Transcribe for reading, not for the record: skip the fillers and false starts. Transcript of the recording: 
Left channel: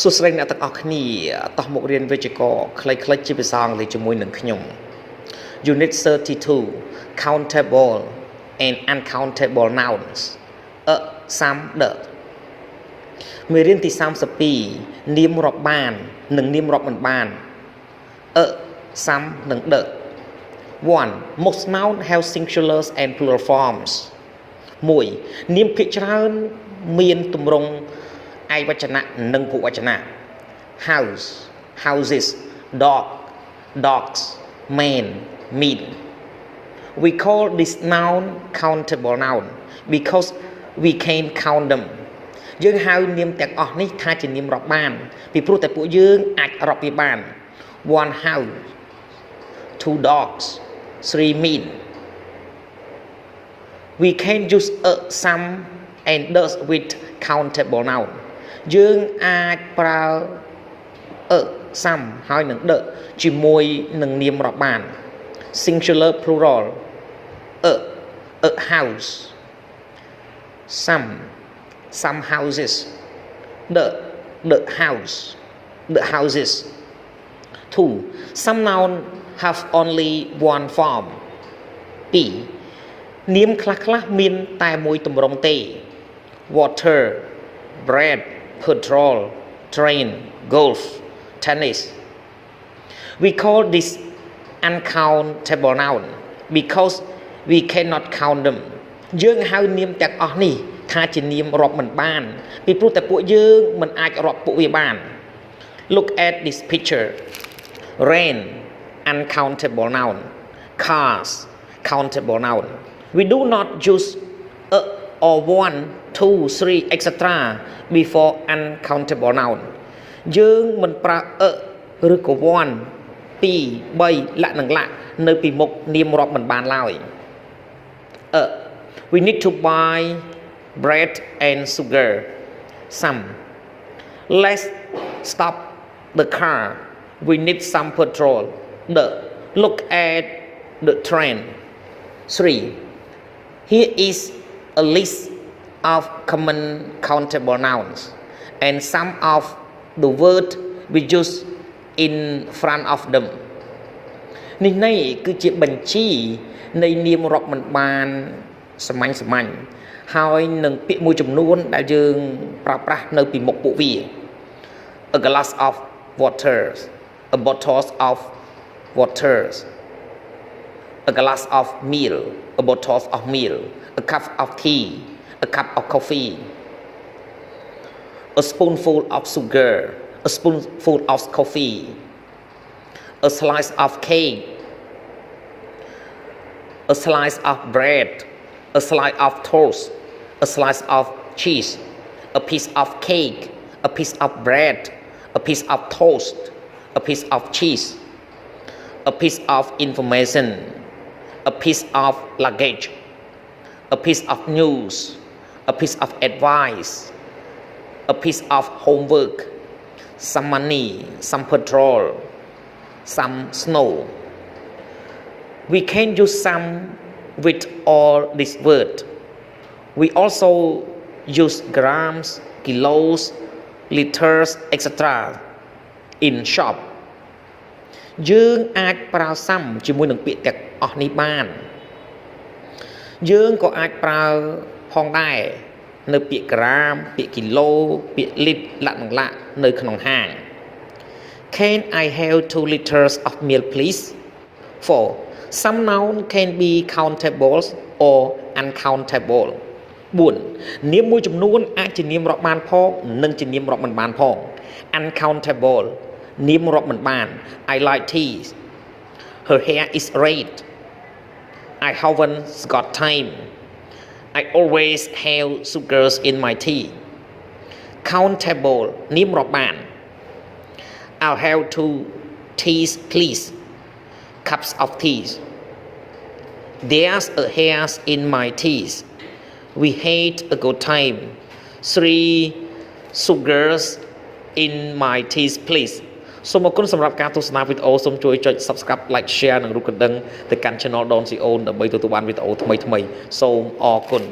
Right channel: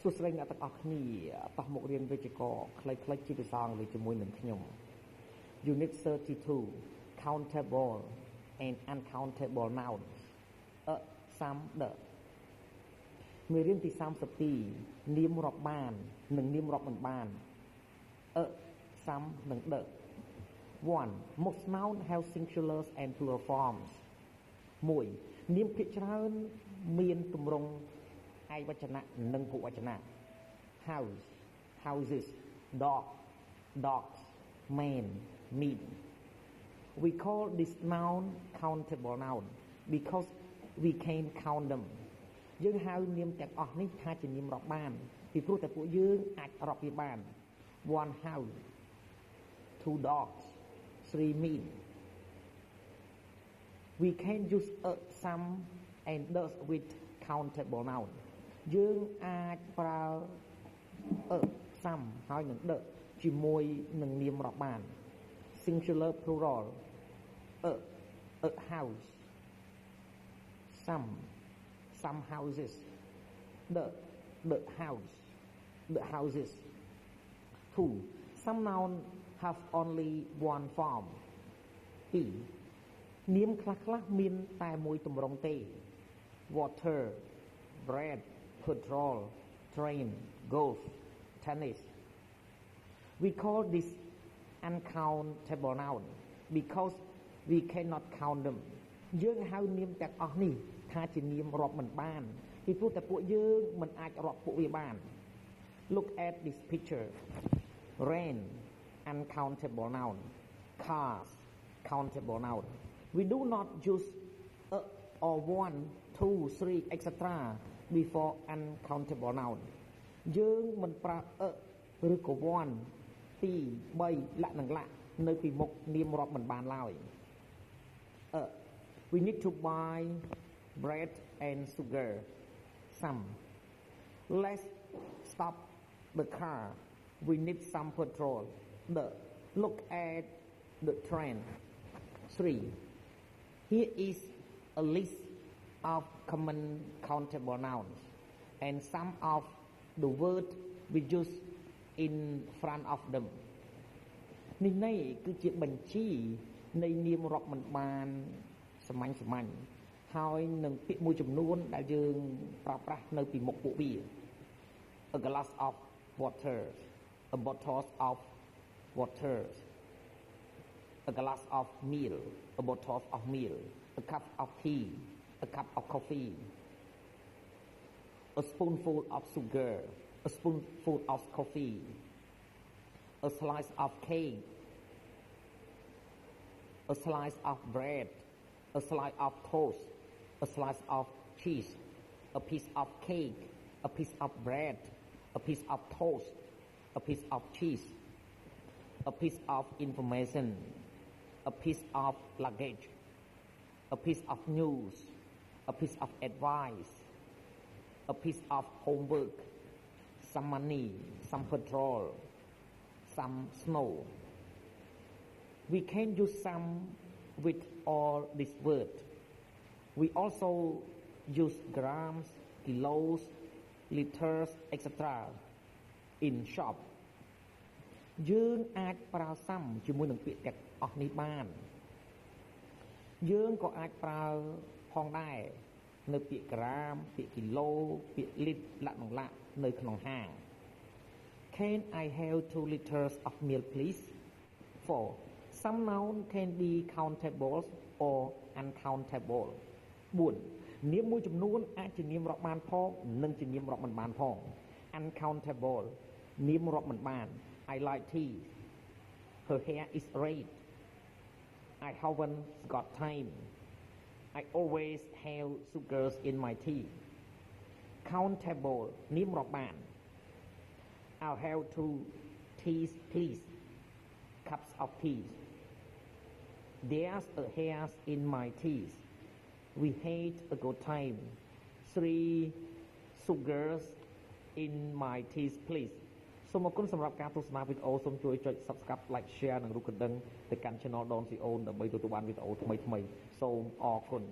សួស្តីអ្នកទាំងអស់គ្នាតោះមករៀនវិជ្ជាករខ្លីៗជាភាសាអង់គ្លេសជាមួយនឹងខ្ញុំ Unit 32 Countable and Uncountable Nouns សំដកមេរៀនទី32នាមរាប់បាននិងនាមរាប់មិនបានសំនិងដក 1. Most nouns have singulars and plural forms 1. នាមភាគច្រើនមានទម្រង់ឯកវចនៈនិងភុវចនៈ house houses dog dogs man mean we call this noun countable noun because we can count them យើងហៅនាមទាំងអស់នេះថាជានាមរាប់បានពីព្រោះតែពួកយើងអាចរាប់វាបាន one house two dogs three mean we can use some and does with countable noun យើងអាចប្រើsome ហើយនឹងដកជាមួយនឹងនាមរាប់បាន singular plural a house some houses the house the houses 2. Some nouns have only one form 2. នាមខ្លះៗមានតែមួយទម្រង់ទេ water bread petrol train golf tennis we call this uncountable noun because we cannot count them យើងហៅនាមទាំងអស់នេះថាជានាមរាប់មិនបានពីព្រោះតែពួកយើងមិនអាចរាប់ពួកវាបាន look at this picture rain uncountable noun cars countable noun we do not use or one two three etc before uncountable noun យើងមិនប្រើឬក៏ one 2 3លក្ខនឹងលក្ខនៅពីមុខនាមរាប់មិនបានឡើយ we need to buy bread and sugar some let's stop the car we need some petrol the look at the train 3 here is a list of common countable nouns and some of the word we use in front of them នេះគឺជាបញ្ជីនៃនាមរាប់មិនបានសាមញ្ញហើយនឹងពាក្យមួយចំនួនដែលយើងប្រើប្រាស់នៅពីមុខពួកវា a glass of water a bottle of water a glass of milk a bottle of milk a cup of tea a cup of coffee a spoonful of sugar a spoonful of coffee a slice of cake a slice of bread a slice of toast a slice of cheese a piece of cake a piece of bread a piece of toast a piece of cheese a piece of information a piece of luggage a piece of news a piece of advice a piece of homework some money some petrol some snow we can use some with all these words we also use grams kilos liters etc in shop យើងអាចប្រើsomeជាមួយនឹងពាក្យទាំងអស់នេះបានយើងក៏អាចប្រើផងដែរនៅពាក្យក្រាមពាក្យគីឡូពាក្យលីត្រលក្ខនឹងលក្ខនៅក្នុងហាង Can I have 2 liters of milk please 4. Some noun can be countable or uncountable 4. នាមមួយចំនួនអាចជានាមរាប់បានផងនិងជានាមរាប់មិនបានផង uncountable នាមរាប់មិនបាន I like tea her hair is red I haven't got time I always have sugars in my tea countable នាមរាប់បាន I'll have 2 teas please cups of tea there's a hair in my teas we had a good time 3 sugars in my teas please សូមអរគុណសម្រាប់ការទស្សនាវីដេអូសូមជួយចុច Subscribe like share និងរូបកណ្ដឹងទៅកាន់ Channel Don Sreyoun ដើម្បីទទួលបានវីដេអូថ្មីៗសូមអរគុណ